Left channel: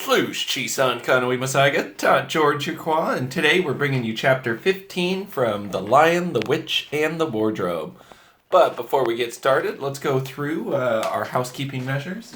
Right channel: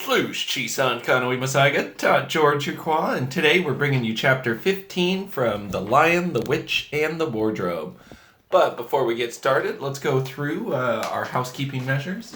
Floosh, Chisan Kanoi Masaga, Ta George.neujahr, and today we're bringing you chapter 15 from The Lion, the Witch, and the Wardrobe. But before we get started, let's go through our housekeeping measures.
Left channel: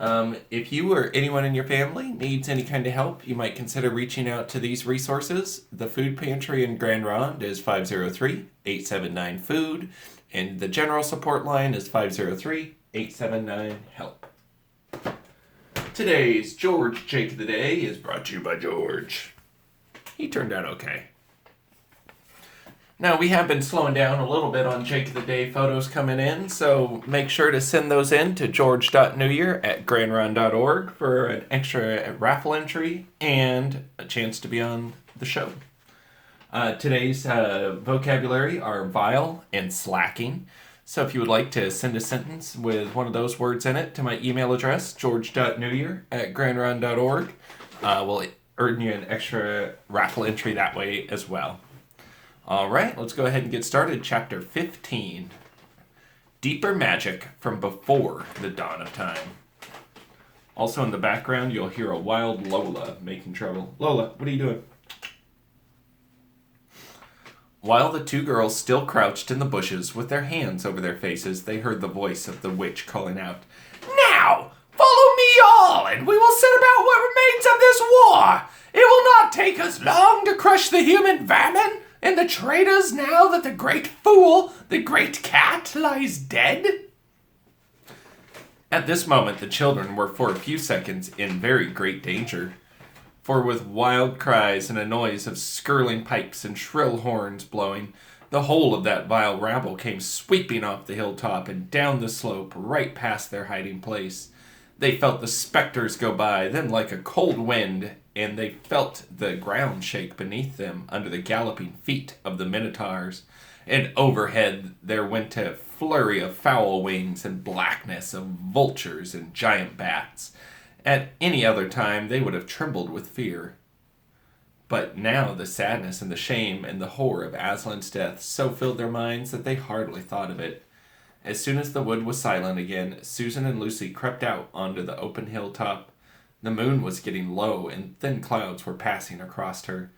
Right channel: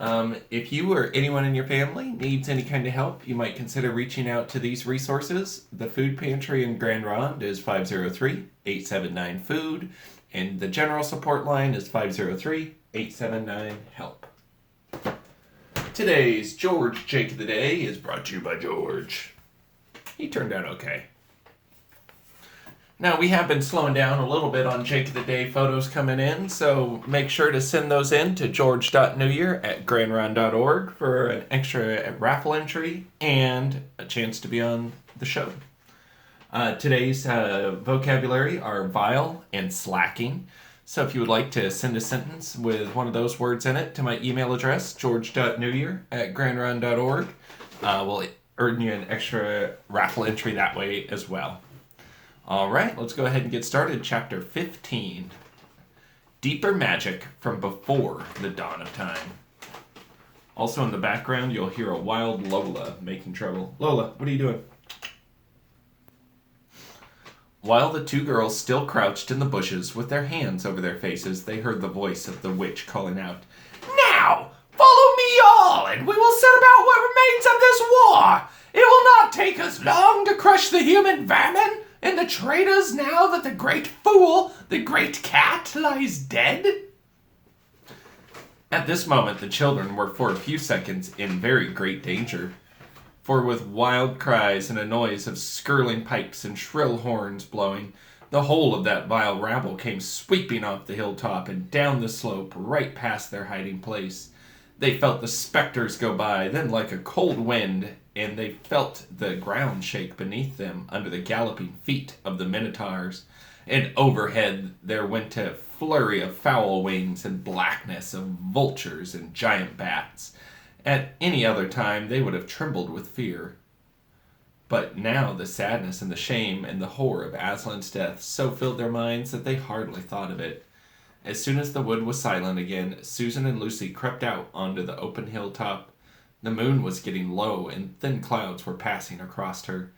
If you or anyone in your family needs any kind of help, you might consider reaching out to these resources. The food pantry in Grand Ronde is 503-879-FOOD, and the general support line is 503-879-HELP. Today's George Jake of the Day is brought to you by George. He turned out okay. Now, we have been slowing down a little bit on Jake of the Day photos coming in, so make sure to send those in to george.neujahr@grandron.org for an extra raffle entry and a chance to be on the show. Today's vocabulary are vile and slacking. So if you would like to send a sentence with one of those words in it to my email address, george.neujahr@grandron.org, we'll earn you an extra raffle entry that way as well. All right, let's go ahead and get started. Chapter 15. Deeper Magic from Before the Dawn of Time. Also in the background, you'll hear a wild Lola making trouble. Lola, what are you doing? While the two girls still crouched in the bushes with their hands over their faces, they heard the voice of the witch calling out, "Now, follow me all, and we will set about what remains of this war. It will not take us long to crush the human vermin and the traitors now that the great fool, the great cat, lies dead." At this moment, the children were for a few seconds in very great danger. For with wild cries and a noise of skirling pipes and shrill horns blowing, the whole of that vile rabble came sweeping off the hilltop and down the slope right past their hiding place. They felt the specters go by, then like a cold wind, and they felt the ground shake beneath them under the galloping feet of the minotaurs. And overhead there went a flurry of foul wings and blackness of vultures and giant bats. At any other time, they would have trembled with fear. But now the sadness and the shame and the horror of Aslan's death so filled their minds that they hardly thought of it. As soon as the wood was silent again, Susan and Lucy crept out onto the open hilltop. The moon was getting low, and thin clouds were passing across her.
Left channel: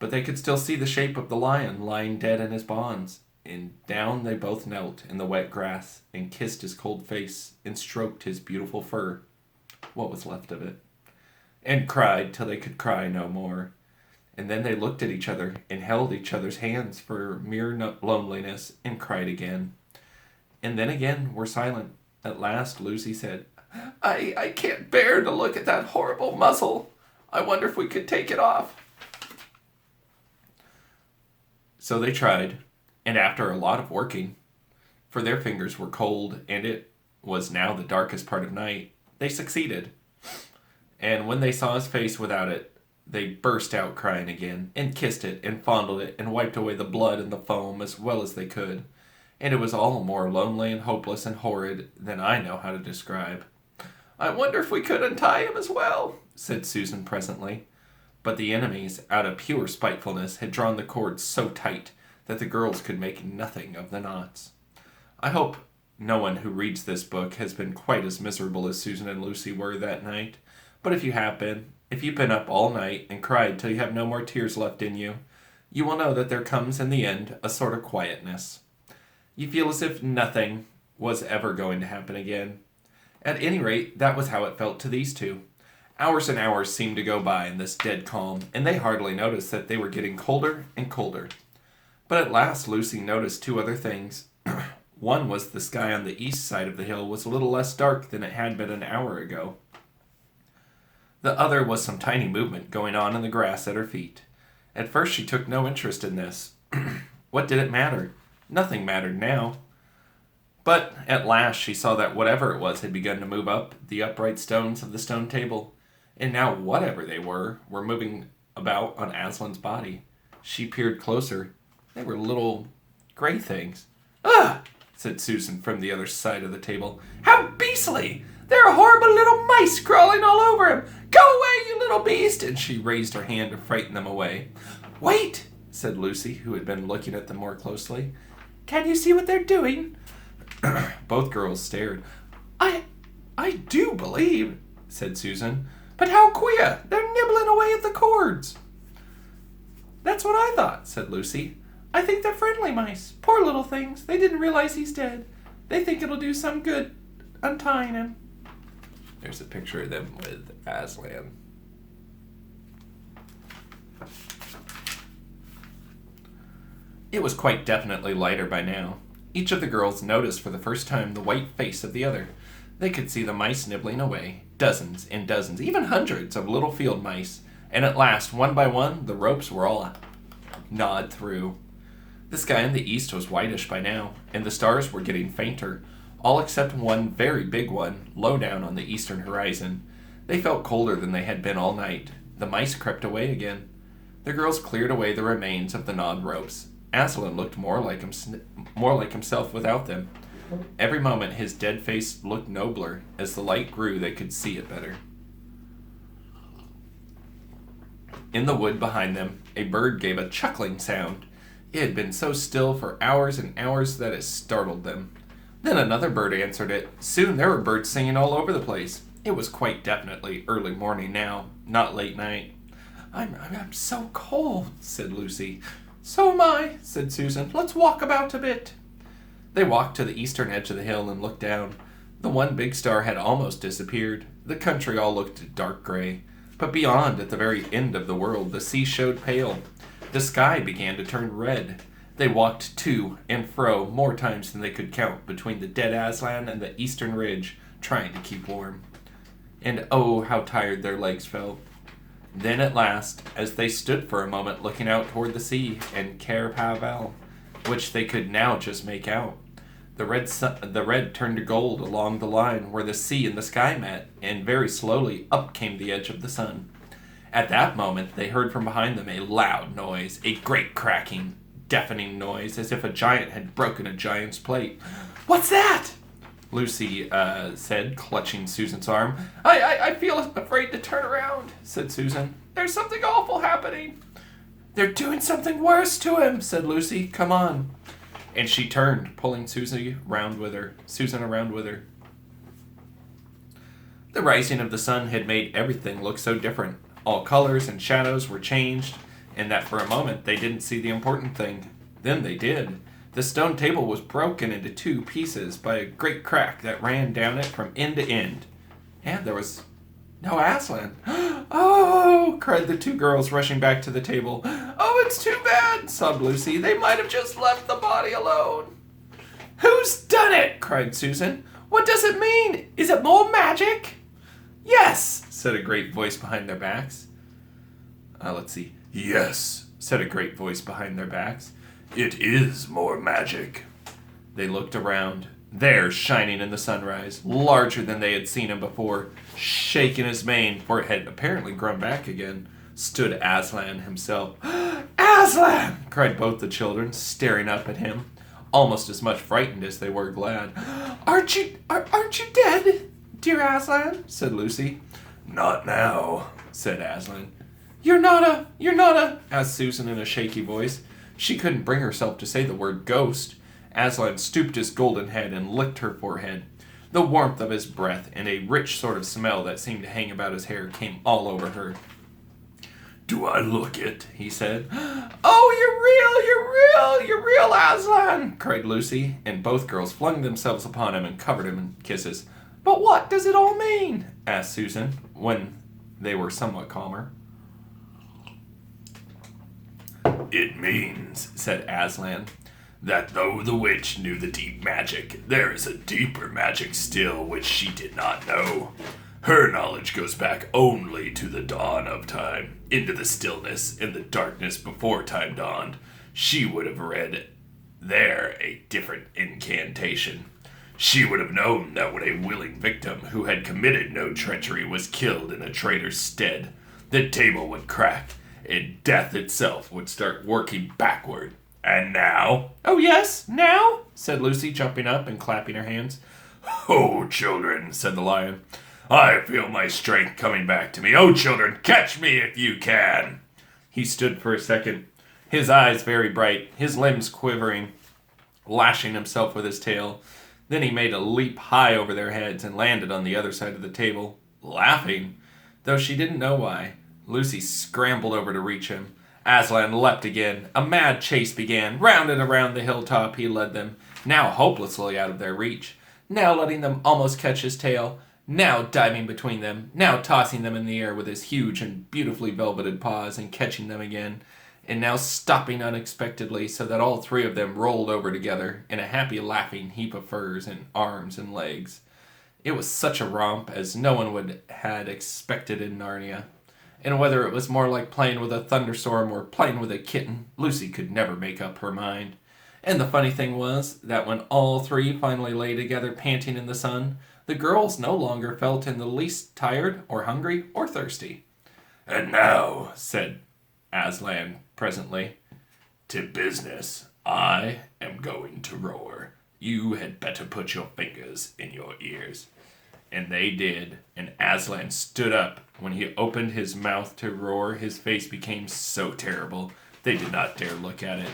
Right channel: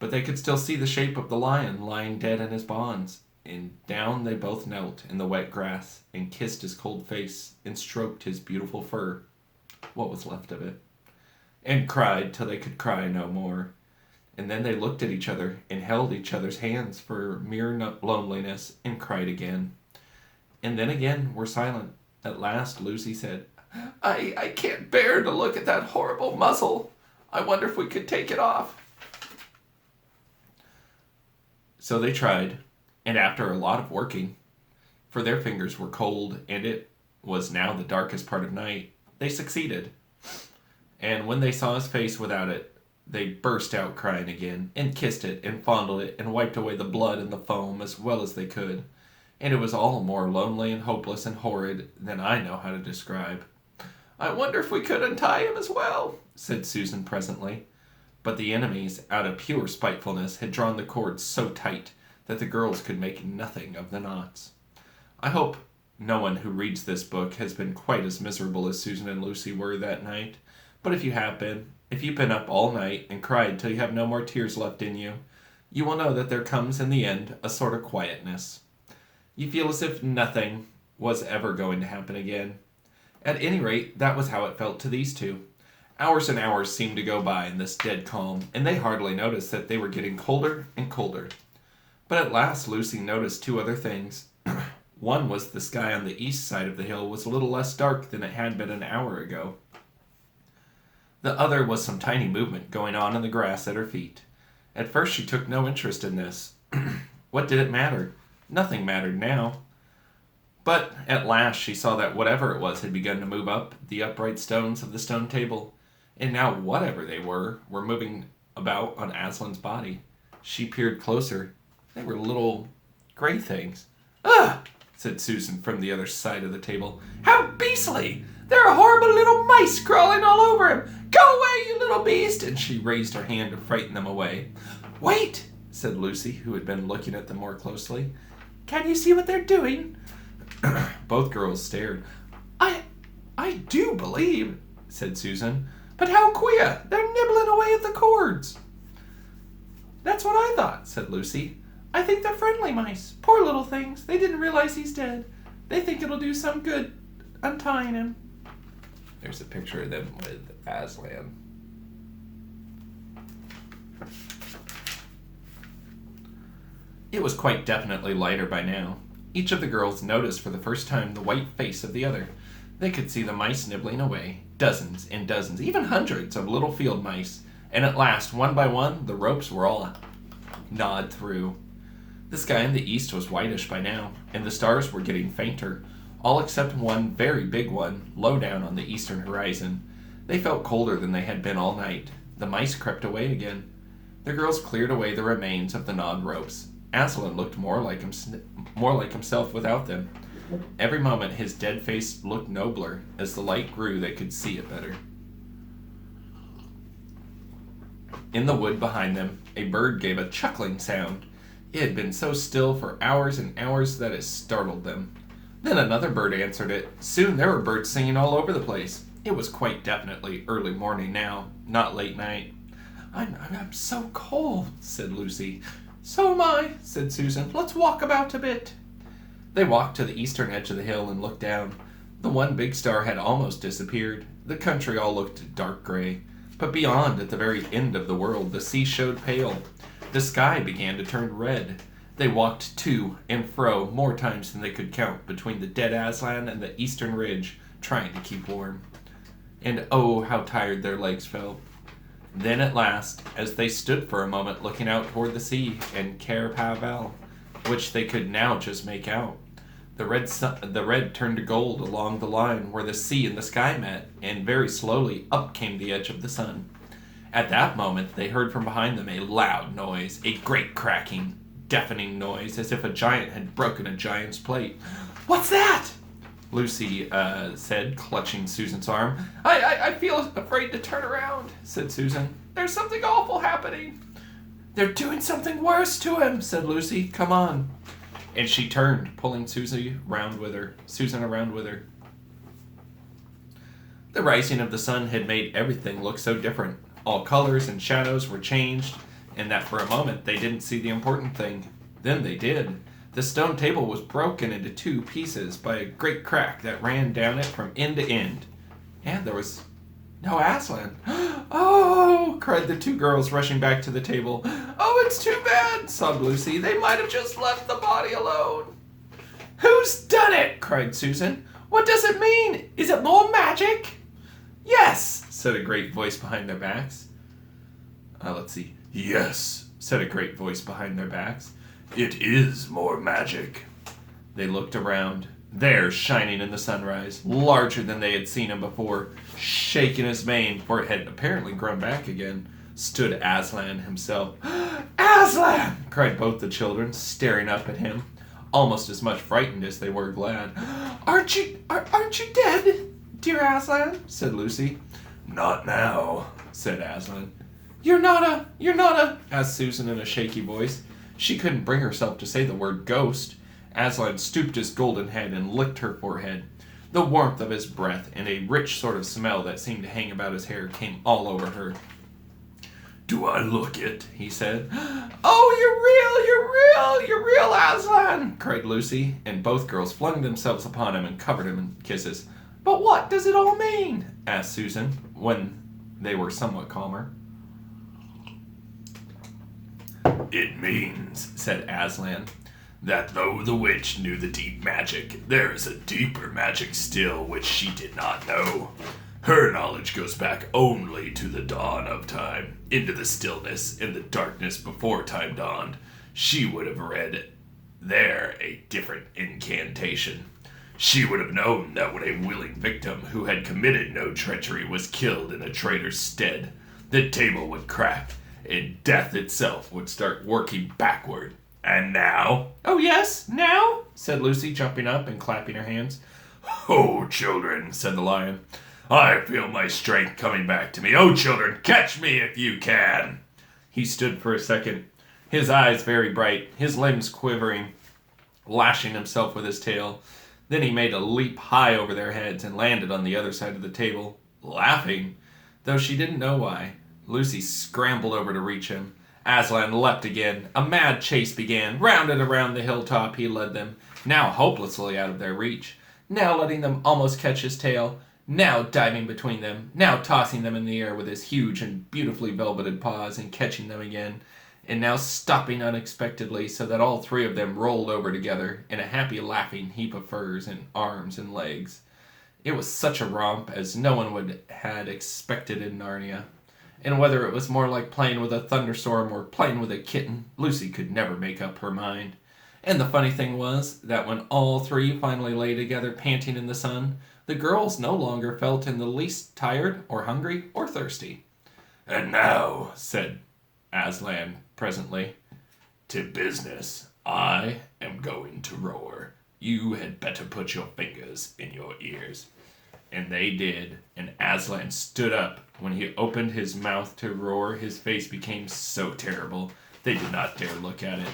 But they could still see the shape of the lion lying dead in his bonds. And down they both knelt in the wet grass, and kissed his cold face, and stroked his beautiful fur. What was left of it, and cried till they could cry no more. And then they looked at each other and held each other's hands for mere loneliness and cried again. And then again were silent. At last Lucy said, I can't bear to look at that horrible muzzle. I wonder if we could take it off." So they tried, and after a lot of working, for their fingers were cold and it was now the darkest part of night, they succeeded. And when they saw his face without it, they burst out crying again, and kissed it, and fondled it, and wiped away the blood and the foam as well as they could. And it was all more lonely and hopeless and horrid than I know how to describe. "I wonder if we could untie him as well," said Susan presently. But the enemies, out of pure spitefulness, had drawn the cords so tight that the girls could make nothing of the knots. I hope no one who reads this book has been quite as miserable as Susan and Lucy were that night. But if you have been, if you've been up all night and cried till you have no more tears left in you, you will know that there comes in the end a sort of quietness. You feel as if nothing was ever going to happen again. At any rate, that was how it felt to these two. Hours and hours seemed to go by in this dead calm, and they hardly noticed that they were getting colder and colder. But at last Lucy noticed two other things. One was the sky on the east side of the hill was a little less dark than it had been an hour ago. The other was some tiny movement going on in the grass at her feet. At first she took no interest in this. What did it matter? Nothing mattered now. But at last she saw that whatever it was had begun to move up the upright stones of the stone table, and now whatever they were moving about on Aslan's body. She peered closer. They were little gray things. "Ugh!" said Susan from the other side of the table. "How beastly! There are horrible little mice crawling all over him! Go away, you little beast!" And she raised her hand to frighten them away. "Wait!" said Lucy, who had been looking at them more closely. "Can you see what they're doing?" Both girls stared. I do believe," said Susan, But how queer! They're nibbling away at the cords. That's what I thought, said Lucy. I think they're friendly mice. Poor little things. They didn't realize he's dead. They think it'll do some good untying him. There's a picture of them with Aslan. It was quite definitely lighter by now. Each of the girls noticed for the first time the white face of the other. They could see the mice nibbling away, dozens and dozens, even hundreds of little field mice, and at last, one by one, the ropes were all gnawed through. The sky in the east was whitish by now, and the stars were getting fainter, all except one very big one, low down on the eastern horizon. They felt colder than they had been all night. The mice crept away again. The girls cleared away the remains of the gnawed ropes. Aslan looked more like himself without them. Every moment his dead face looked nobler. As the light grew, they could see it better. In the wood behind them, a bird gave a chuckling sound. It had been so still for hours and hours that it startled them. Then another bird answered it. Soon there were birds singing all over the place. It was quite definitely early morning now, not late night. I'm so cold, said Lucy. So am I, said Susan. Let's walk about a bit. They walked to the eastern edge of the hill and looked down. The one big star had almost disappeared. The country all looked dark gray. But beyond, at the very end of the world, the sea showed pale. The sky began to turn red. They walked to and fro more times than they could count between the dead Aslan and the eastern ridge, trying to keep warm. And oh, how tired their legs felt. Then at last, as they stood for a moment looking out toward the sea and Cair Paravel, which they could now just make out, the red turned to gold along the line where the sea and the sky met, and very slowly up came the edge of the sun. At that moment, they heard from behind them a loud noise, a great cracking, deafening noise, as if a giant had broken a giant's plate. What's that? Lucy said, clutching Susan's arm. I feel afraid to turn around, said Susan. There's something awful happening. They're doing something worse to him, said Lucy. Come on. And she turned, pulling Susan around with her. The rising of the sun had made everything look so different. All colors and shadows were changed, and that for a moment they didn't see the important thing. Then they did. The stone table was broken into two pieces by a great crack that ran down it from end to end. And there was no Aslan. Oh, cried the two girls, rushing back to the table. Oh, it's too bad, sobbed Lucy. They might have just left the body alone. Who's done it? Cried Susan. What does it mean? Is it more magic? Yes, said a great voice behind their backs. Let's see. Yes, said a great voice behind their backs. It is more magic. They looked around. There, shining in the sunrise, larger than they had seen him before, shaking his mane, for it had apparently grown back again, stood Aslan himself. Aslan! Cried both the children, staring up at him, almost as much frightened as they were glad. Aren't you dead, dear Aslan? Said Lucy. Not now, said Aslan. You're not a, asked Susan in a shaky voice. She couldn't bring herself to say the word ghost. Aslan stooped his golden head and licked her forehead. The warmth of his breath and a rich sort of smell that seemed to hang about his hair came all over her. Do I look it? He said. Oh, you're real, Aslan, cried Lucy, and both girls flung themselves upon him and covered him in kisses. But what does it all mean? Asked Susan, when they were somewhat calmer. It means, said Aslan, that though the witch knew the deep magic, there is a deeper magic still which she did not know. Her knowledge goes back only to the dawn of time, into the stillness and the darkness before time dawned. She would have read there a different incantation. She would have known that when a willing victim who had committed no treachery was killed in a traitor's stead, the table would crack, and death itself would start working backward. And now? Oh, yes, now? Said Lucy, jumping up and clapping her hands. Oh, children, said the lion, I feel my strength coming back to me. Oh, children, catch me if you can. He stood for a second, his eyes very bright, his limbs quivering, lashing himself with his tail. Then he made a leap high over their heads and landed on the other side of the table, laughing. Though she didn't know why, Lucy scrambled over to reach him. Aslan leapt again. A mad chase began. Round and around the hilltop he led them, now hopelessly out of their reach, now letting them almost catch his tail, now diving between them, now tossing them in the air with his huge and beautifully velveted paws and catching them again, and now stopping unexpectedly so that all three of them rolled over together in a happy laughing heap of furs and arms and legs. It was such a romp as no one would had expected in Narnia. And whether it was more like playing with a thunderstorm or playing with a kitten, Lucy could never make up her mind. And the funny thing was that when all three finally lay together panting in the sun, the girls no longer felt in the least tired or hungry or thirsty. "And now," said Aslan presently, "to business. I am going to roar. You had better put your fingers in your ears." And they did, and Aslan stood up. When he opened his mouth to roar, his face became so terrible they did not dare look at it,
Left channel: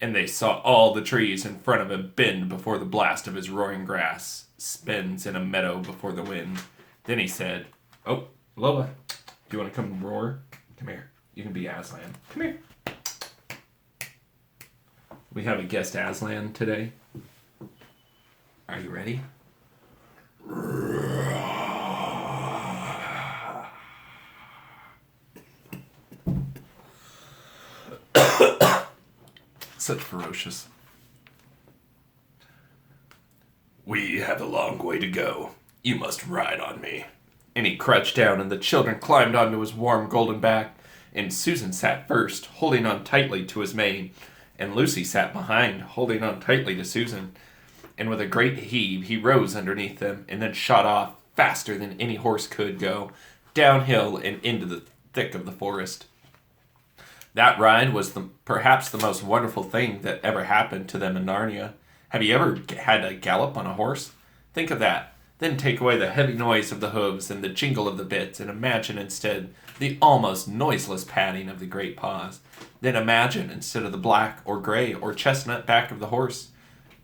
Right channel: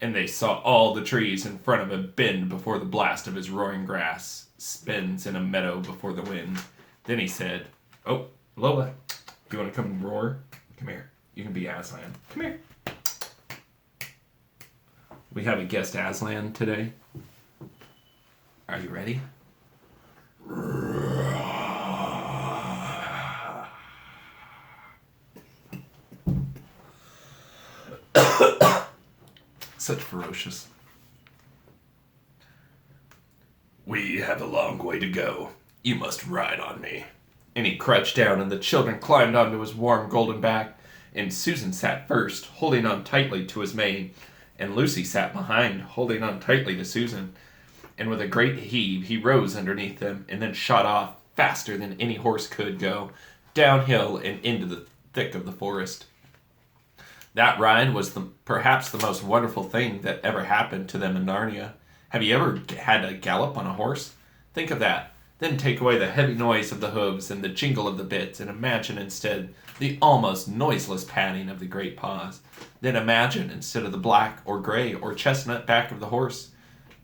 and they saw all the trees in front of him bend before the blast of his roaring grass spins in a meadow before the wind. Then he said, "Oh, Lola, do you want to come roar? Come here. You can be Aslan. Come here." We have a guest Aslan today. Are you ready? Such ferocious. "We have a long way to go. You must ride on me." And he crouched down, and the children climbed onto his warm golden back, and Susan sat first, holding on tightly to his mane, and Lucy sat behind, holding on tightly to Susan. And with a great heave, he rose underneath them, and then shot off, faster than any horse could go, downhill and into the thick of the forest. That ride was perhaps the most wonderful thing that ever happened to them in Narnia. Have you ever had a gallop on a horse? Think of that. Then take away the heavy noise of the hooves and the jingle of the bits, and imagine instead the almost noiseless padding of the great paws. Then imagine, instead of the black or gray or chestnut back of the horse,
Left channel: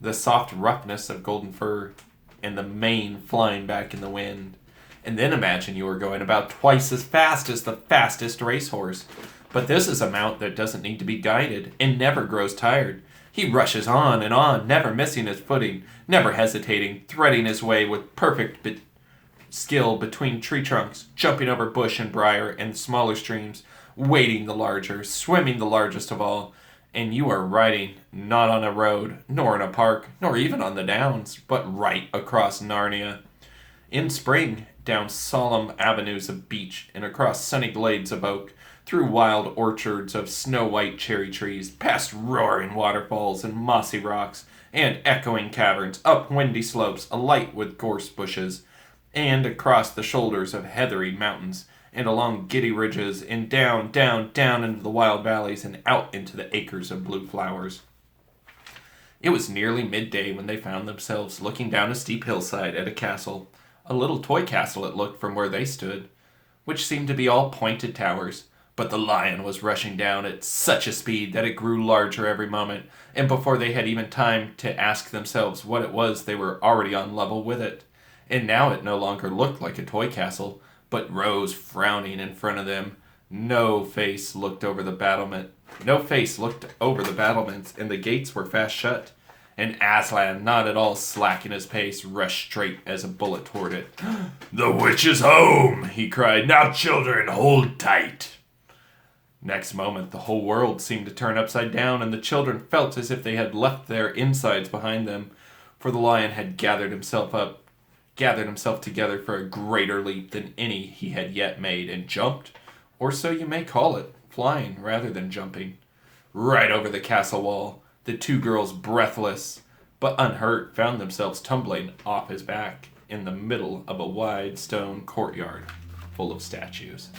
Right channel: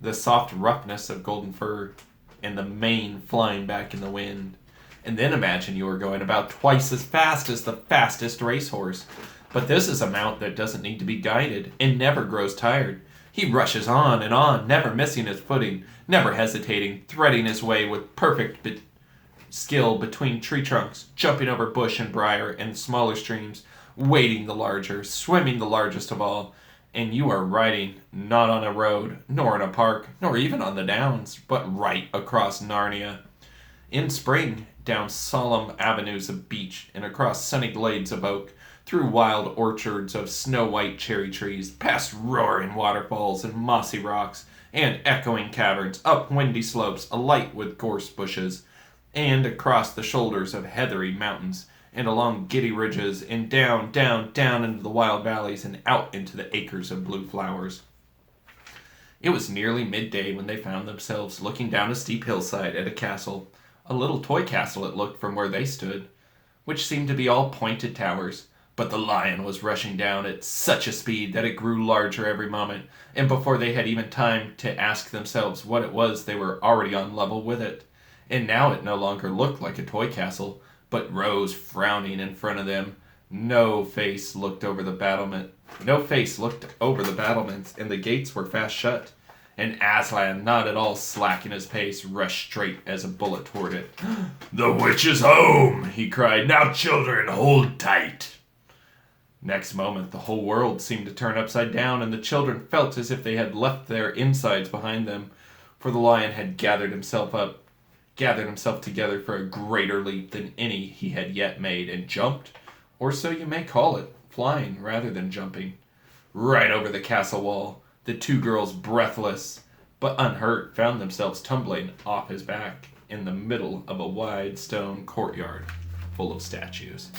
the soft roughness of golden fur, and the mane flying back in the wind. And then imagine you are going about twice as fast as the fastest racehorse. But this is a mount that doesn't need to be guided, and never grows tired. He rushes on, never missing his footing, never hesitating, threading his way with perfect skill between tree trunks, jumping over bush and briar and smaller streams, wading the larger, swimming the largest of all. And you are riding not on a road, nor in a park, nor even on the downs, but right across Narnia. In spring, down solemn avenues of beech and across sunny glades of oak, through wild orchards of snow-white cherry trees, past roaring waterfalls and mossy rocks, and echoing caverns, up windy slopes alight with gorse bushes, and across the shoulders of heathery mountains, and along giddy ridges, and down, down, down into the wild valleys, and out into the acres of blue flowers. It was nearly midday when they found themselves looking down a steep hillside at a castle, a little toy castle it looked from where they stood, which seemed to be all pointed towers. But the lion was rushing down at such a speed that it grew larger every moment, and before they had even time to ask themselves what it was, they were already on level with it. And now it no longer looked like a toy castle, but rose frowning in front of them. No face looked over the battlements, and the gates were fast shut. And Aslan, not at all slacking his pace, rushed straight as a bullet toward it. "The witch is home!" he cried. "Now, children, hold tight!" Next moment, the whole world seemed to turn upside down, and the children felt as if they had left their insides behind them, for the lion had gathered himself together for a greater leap than any he had yet made, and jumped, or so you may call it, flying rather than jumping, right over the castle wall. The two girls, breathless but unhurt, found themselves tumbling off his back in the middle of a wide stone courtyard full of statues.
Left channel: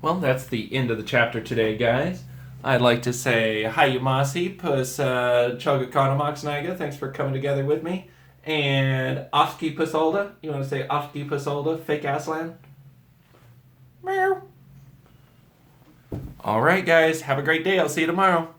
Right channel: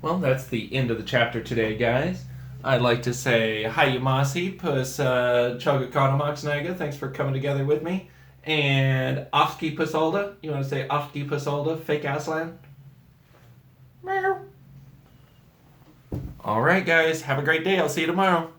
Well, that's the end of the chapter today, guys. I'd like to say hi, Yamasi, Pus Chogakanamoxnaga. Thanks for coming together with me. And Ofski Pusalda. You want to say Ofski Pusalda, fake Aslan? Meow. All right, guys. Have a great day. I'll see you tomorrow.